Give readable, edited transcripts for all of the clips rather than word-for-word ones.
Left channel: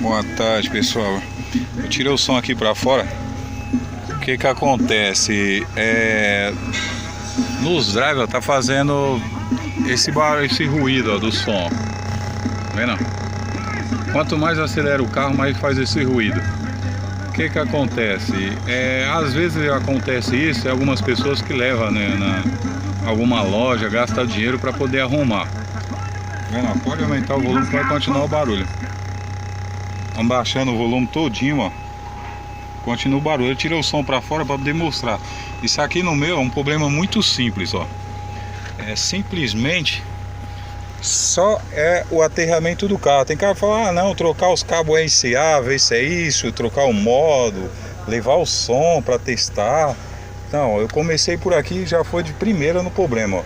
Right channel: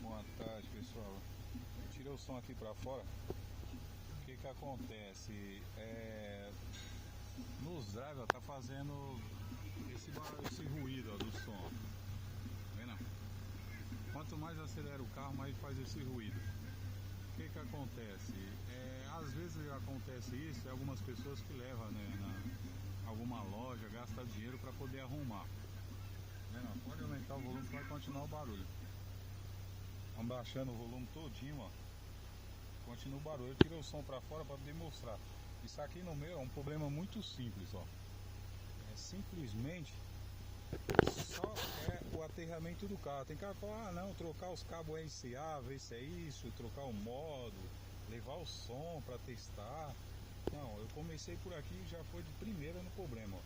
Boa tarde, pessoal. Eu tirei o som aqui pra fora. O que que acontece? Nos drive tá fazendo esse barulho, esse ruído, ó, do som. Tá vendo? Quanto mais acelera o carro, mais faz esse ruído. O que que acontece? Às vezes acontece isso em algumas pessoas que levam, né, na alguma loja, gasta dinheiro para poder arrumar. Tá vendo? Pode aumentar o volume que vai continuar o barulho. Estamos baixando o volume todinho, ó. Continua o barulho. Eu tirei o som para fora para poder mostrar. Isso aqui no meu é um problema muito simples, ó. Simplesmente só o aterramento do carro. Tem cara que fala, não, trocar os cabos RCA, ver se é isso, trocar o modo, levar o som para testar. Não, eu comecei por aqui e já foi de primeira no problema, ó.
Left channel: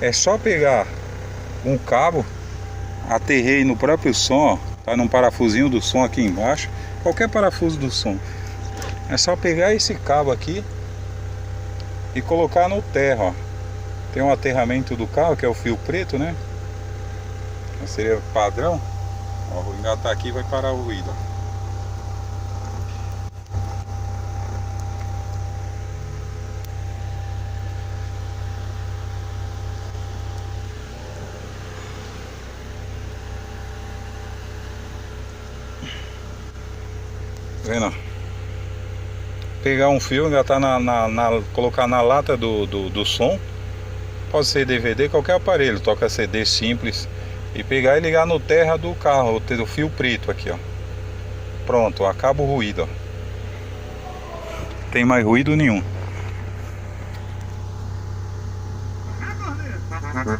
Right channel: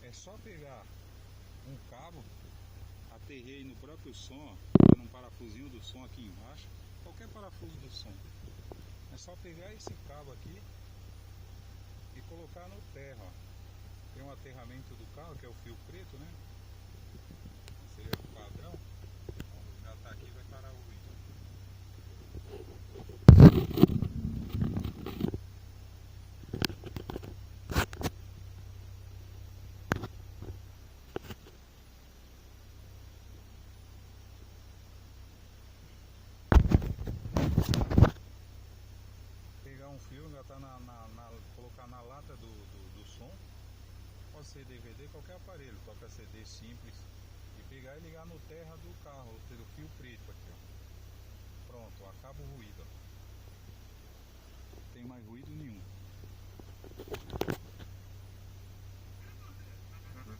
É só pegar um cabo, aterrei no próprio som, ó, tá num parafusinho do som aqui embaixo, qualquer parafuso do som. É só pegar esse cabo aqui e colocar no terra, ó. Tem um aterramento do carro que é o fio preto, né? Seria padrão. Ó, vou engatar aqui e vai parar o ruído. Tá vendo? Pegar um fio, engatar colocar na lata do som. Pode ser DVD, qualquer aparelho, toca CD simples. E pegar e ligar no terra do carro, o fio preto aqui, ó. Pronto, acaba o ruído, ó. Tem mais ruído nenhum.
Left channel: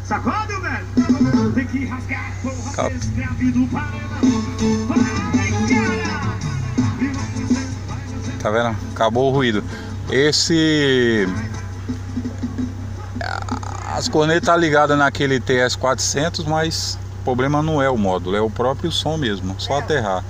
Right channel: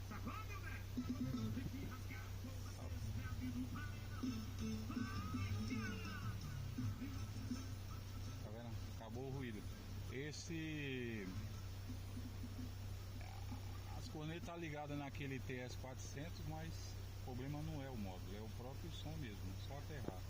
Sacode, velho! Tem que rasgar, porra, escravido para. Tá vendo? Acabou o ruído. As cornetas tá ligadas naquele TS400, mas o problema não é o módulo, é o próprio som mesmo, só aterrar.